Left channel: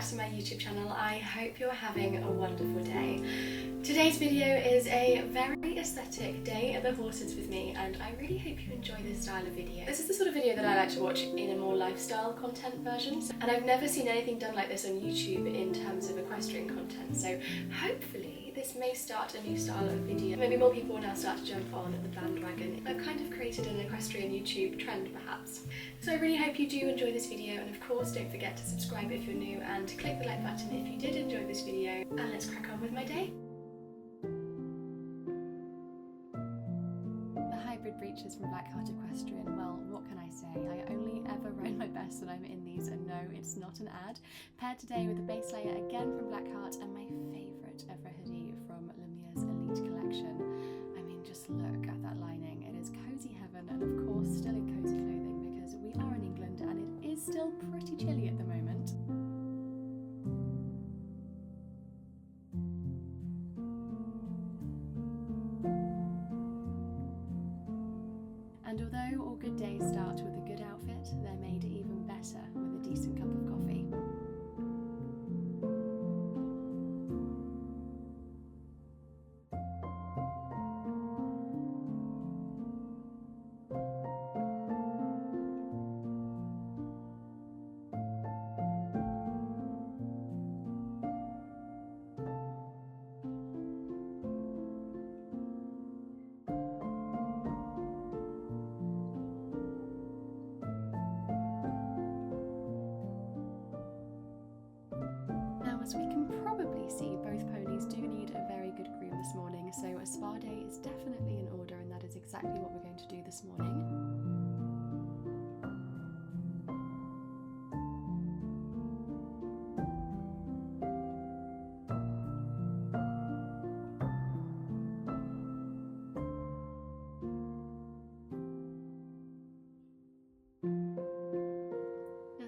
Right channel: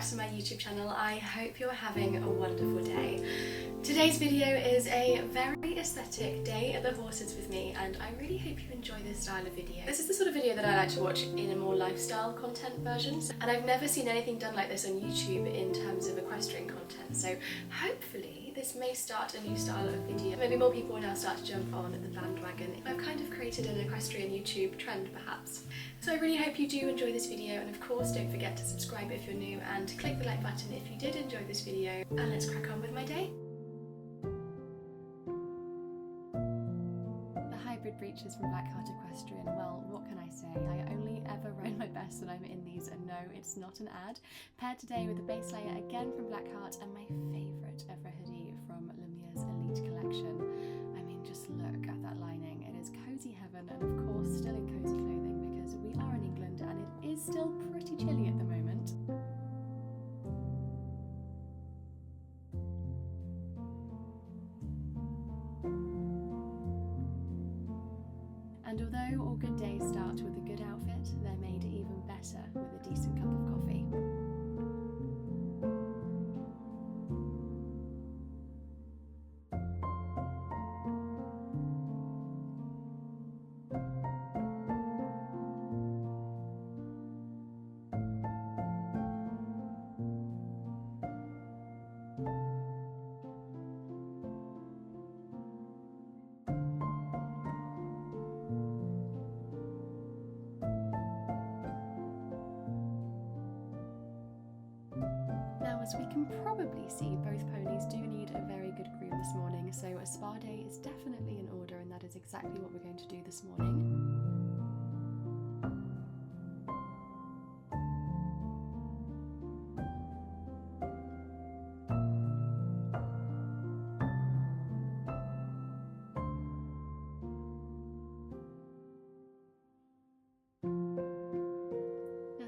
back to my YouTube channel. I hope you're having a wonderful day. Today's video is a very aesthetic day at the horses with me, and I really hope you enjoy this style of video. This is the sort of video that I like to watch in a more lifestyle content version, and I've never seen anything done like this on YouTube in terms of equestrian content, so hopefully this may start a new style of video. Maybe more people will now start to jump on the bandwagon. I've kind of created an equestrian YouTube trend perhaps. So I really hope you do enjoy this video, and of course don't forget to subscribe if you're new and click the like button if you did enjoy this video, and let's crack on with my day. The hybrid breeches from Blackheart Equestrian, well, what can I say? I only ever ride my best when I'm in these, and no, it's not an ad. Paired today with a base layer again from Blackheart and my favourite ever hoodie from Lemieux's Elite collection. I mean, just look at that lining. It is cozy heaven, and of course still in cozy clothing because we are in England and it is still pretty chilly at the moment. And although all good days start with a good outfit, they're made even better with a decent cup of coffee. As we can probably see, both ponies do need a very good groom this morning, so a spa day is definitely in order, and that is exactly what we're going to do this morning.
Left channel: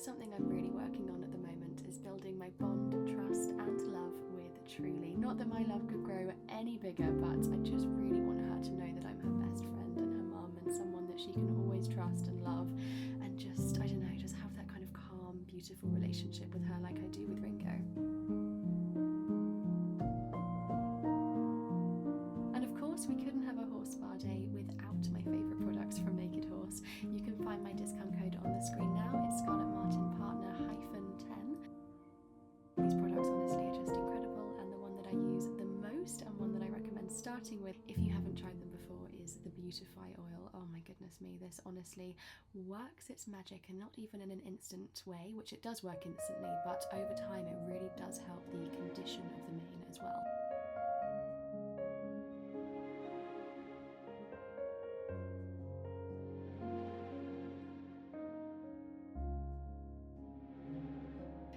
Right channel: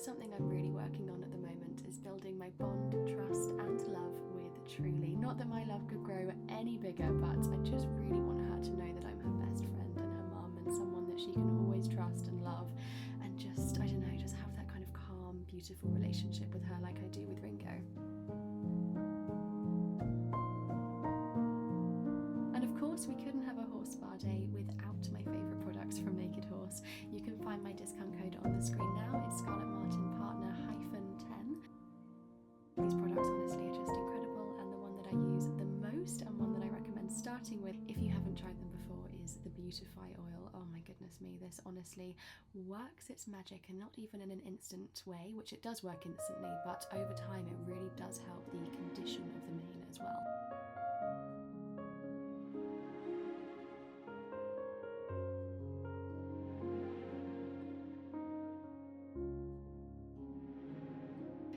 Something I'm really working on at the moment is building my bond, trust and love with Truly. Not that my love could grow any bigger, but I just really want her to know that I'm her best friend and her mum, and someone that she can always trust and love, and just, I don't know, just have that kind of calm, beautiful relationship with her like I do with Ringo. And of course we couldn't have a horse spa day without my favourite products from Naked Horse. You can find my discount code on the screen now. It's Scarlet Martin Partner -10. These products honestly are just incredible, and the one that I use the most and one that I recommend starting with if you haven't tried them before is the Beautify oil. Oh my goodness me, this honestly works its magic, and not even in an instant way, which it does work instantly, but over time it really does help the condition of the mane as well.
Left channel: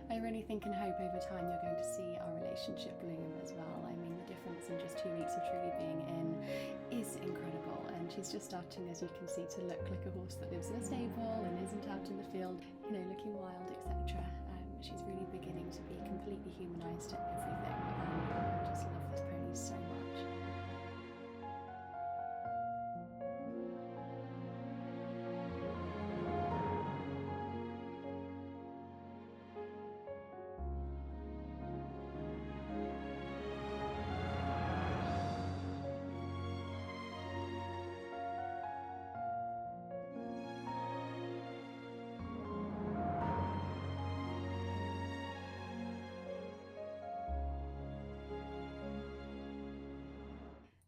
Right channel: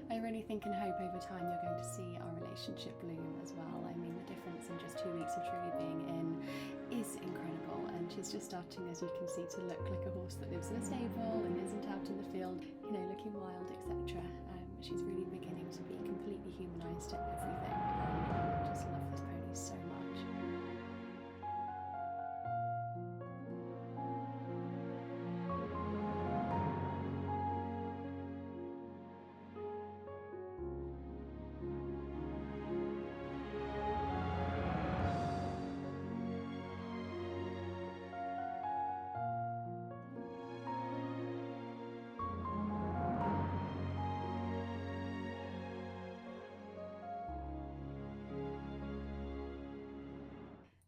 I really think and hope over time you're going to see our relationship bloom as well. I mean, the difference in just 2 weeks of Truly being in is incredible, and she's just starting, as you can see, to look like a horse that lives in a stable and isn't out in the field, you know, looking wild, etc. She's really beginning to be completely humanised to everything, and I just love this pony so much.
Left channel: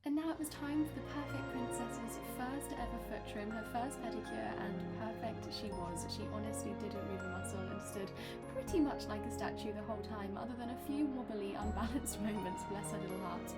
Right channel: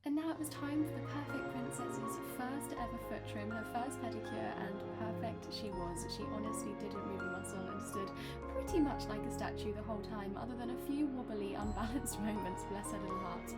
And now it was time for the perfect princess's first ever foot trim, her first pedicure, and perfect she was. She honestly didn't move a muscle and stood pretty much like a statue the whole time, other than a few wobbly, unbalanced moments, bless her little heart.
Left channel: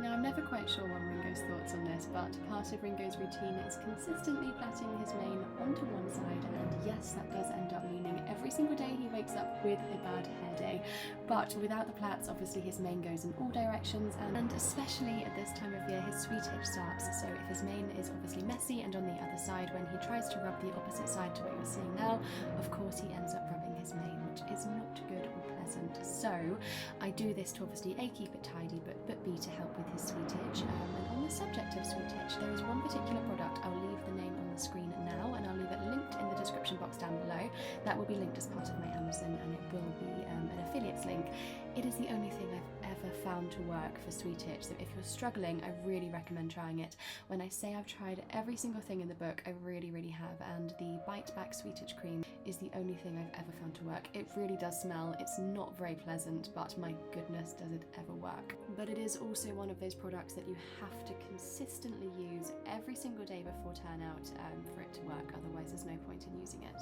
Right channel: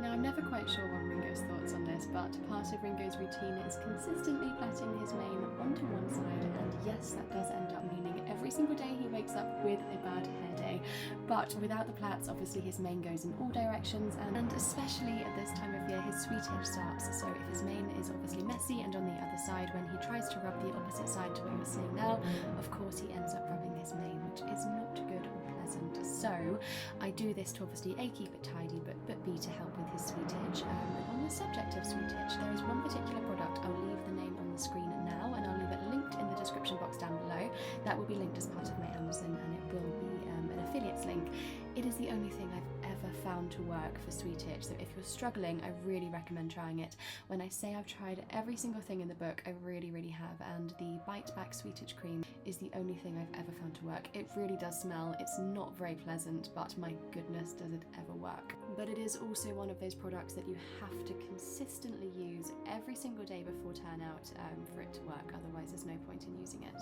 Now I'm never quite sure on Ringo's thoughts on this, but part of Ringo's routine is consistently plaiting his mane onto one side, and yes, that does end up meaning every single day he wakes up with a bad hair day. But without the plaits, obviously his mane goes in all directions, and especially at this time of year, his sweetage starts. So if his mane is obviously messy and on the other side, when he tries to rub the opposite side to what you're seeing now, of course he ends up rubbing his mane, which is not good or pleasant. So I do this to obviously A, keep it tidy, but B, to help with his sweetage. And on the subject of sweetage, there is one particular product. I'll leave the name on the screen now, and I'll leave it linked in the description box down below. That will be linked as part of my Amazon, and it will be an affiliates link. It is the only thing I've ever found to work for sweetage, so if you're struggling, I really recommend trying it. When I say I've tried every single thing in the book, I really have, and the Bite Back Sweetage Cream is the only thing I've ever found to work. It really does smell, it's not very pleasant, but my goodness, does it ever work. But it is also one of those products that you have to consistently use every single day before turnout for it to work, otherwise there's no point in using it.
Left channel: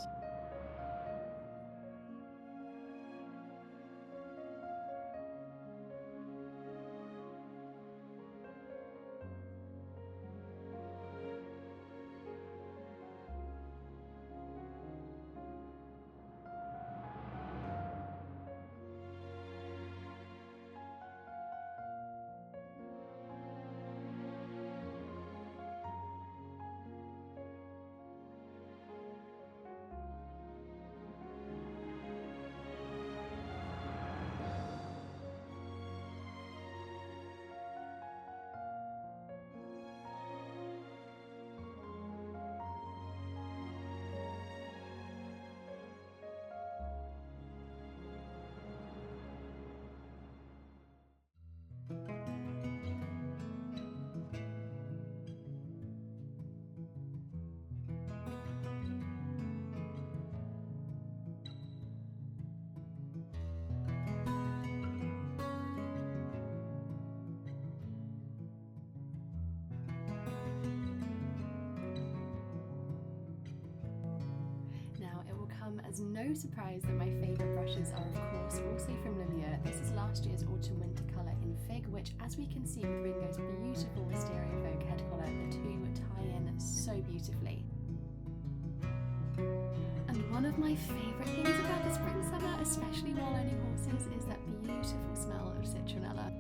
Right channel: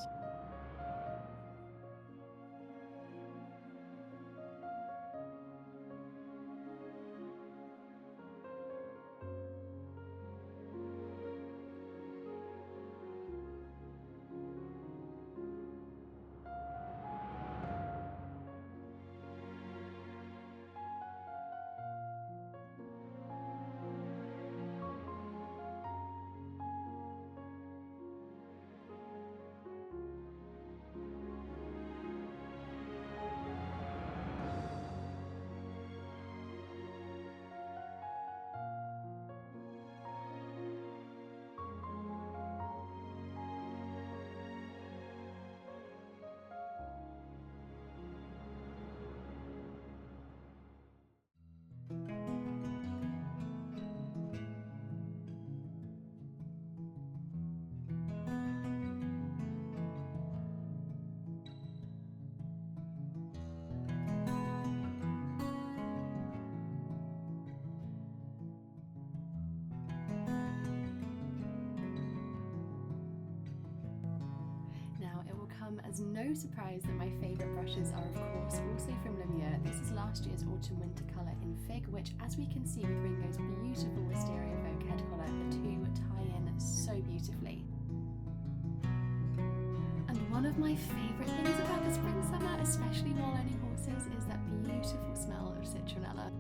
Now, it will come as no surprise that my favourite brushes are of course also from Lumiere. This is last year's Autumn Winter colour in Fig, which, as we can see with Ringo's beautiful Wisteria Vogue head collar, the two tie in so beautifully. And one of my favourite things about the spring summer, especially while owning horses, is that beautiful smell of citronella.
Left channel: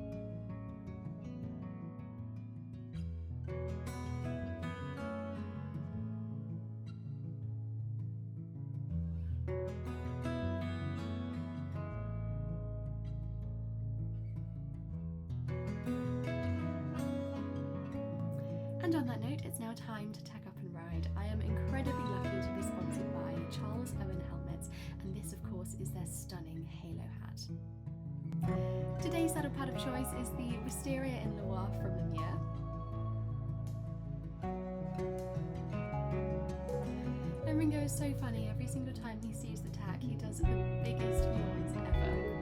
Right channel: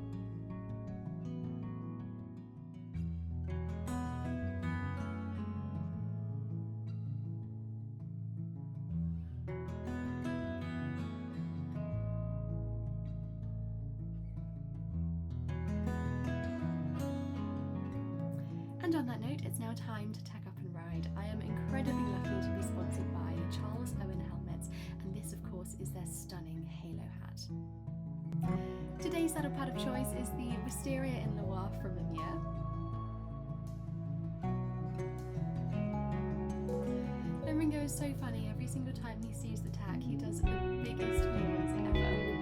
And on that note, it's now time to tack up and ride. I am incredibly lucky to be sponsored by Charles Owen Helmets, and this of course is their stunning halo hat. Today's saddle pad of choice is the Wisteria in Loire from Lumiere. And Ringo is so funny, every single time he sees the tack he does the biggest yawns ever.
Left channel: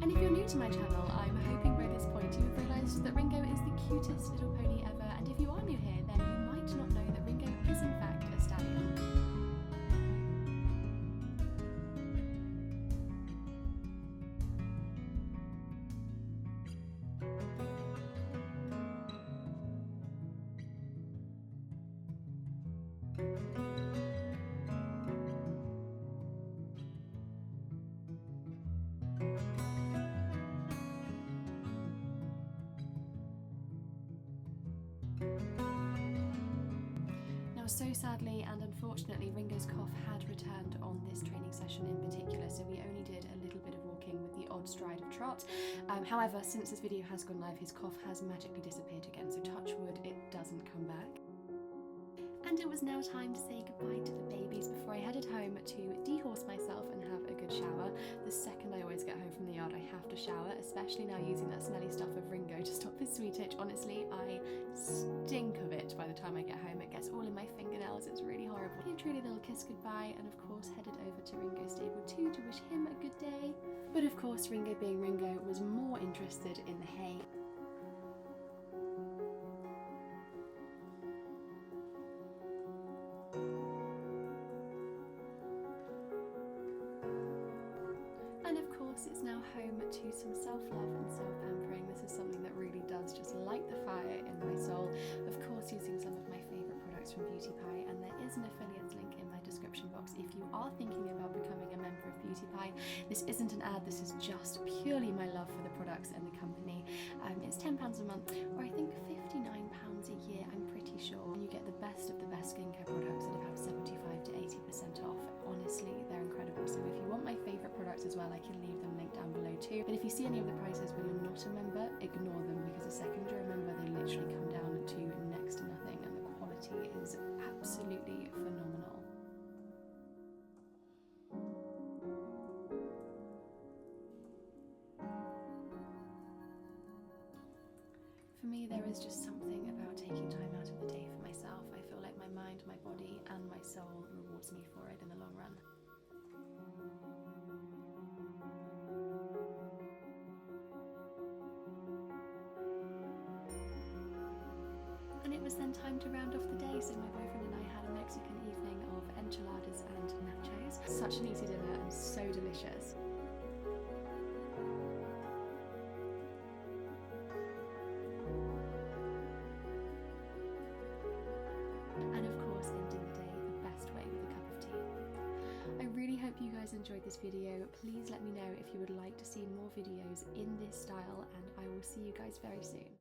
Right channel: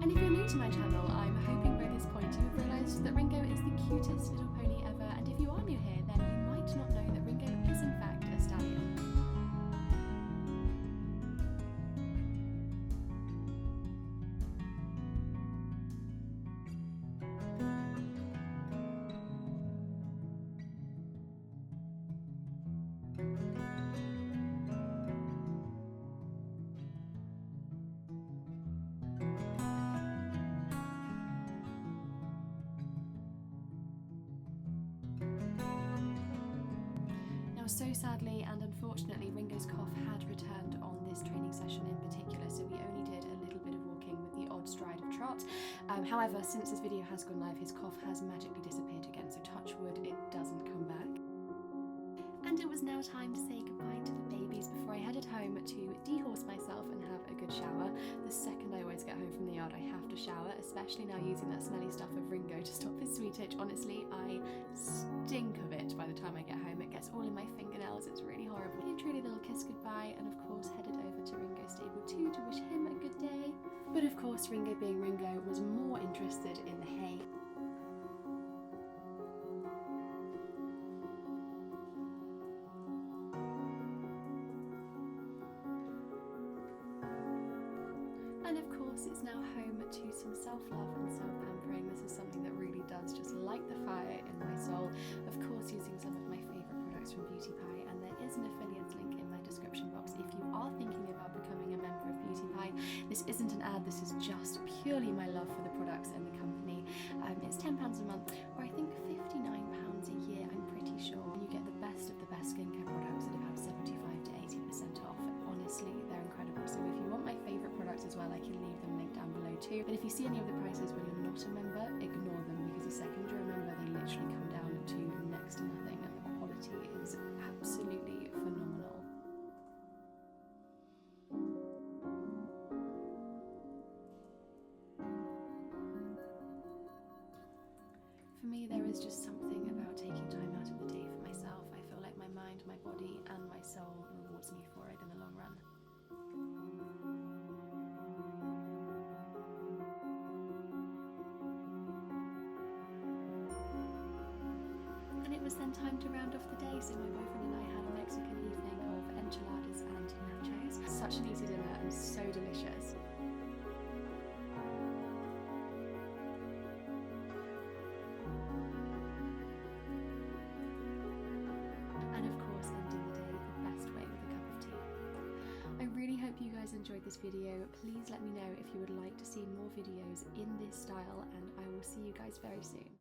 And if you're new to my channel, I'm hoping by this point you have realised that Ringo is the cutest little pony ever, and if you are new here, then you might not know that Ringo is in fact a stallion. So sadly and unfortunately, Ringo's cough had returned on this training session in particular, so we only did a little bit of walking with the odd stride of trot. However, since this video has gone live, his cough has magically disappeared again, so touch wood, it doesn't come back. And it was now time to say goodbye to the babies before I headed home to dehorse myself and have a good shower. The second I always get home from the yard, loud, I have to shower, especially now using that smelly stuff of Ringo to stop his sweet itch. Honestly, I stink of it by the time I get home. It gets all in my fingernails, it's really horrible. Gave Trudy a little kiss goodbye and of course headed over to Ringo's stable too to wish him a good day. But of course, Ringo being Ringo was more interested in the hay. And of course, it's now home to some self-love and self-pampering. This is something that really does just light the fire in my soul. Of course, using some of my favourite products from Beauty Pie, and there is an affiliates link in my description box if you are thinking about becoming a member of Beauty Pie. This isn't an ad, this is just purely my love for the products and the company. It's £10 a month, or I think £59 a year, I'm pretty sure. And you get the best of the best skincare products at about 75 to 80% off. Honestly, they're incredible. So if you want my favourite products as well, I can leave them linked down below too. But if you see any of the prices when you're not a member, ignore them, because the second you're a member, they literally come down to next to nothing, and the quality is absolutely phenomenal. For me, there is just something about taking time out of the day for myself. I feel like my mind, my body, and my soul rewards me for it in the long run. And it was then time to round off the day, so my boyfriend and I had a Mexican evening of enchiladas and nachos. Such an easy dinner and so delicious. And of course, ending the day the best way with a cup of tea. I really hope you guys enjoyed this video. Please let me know if you would like to see more videos in this style, and I will see you guys very soon.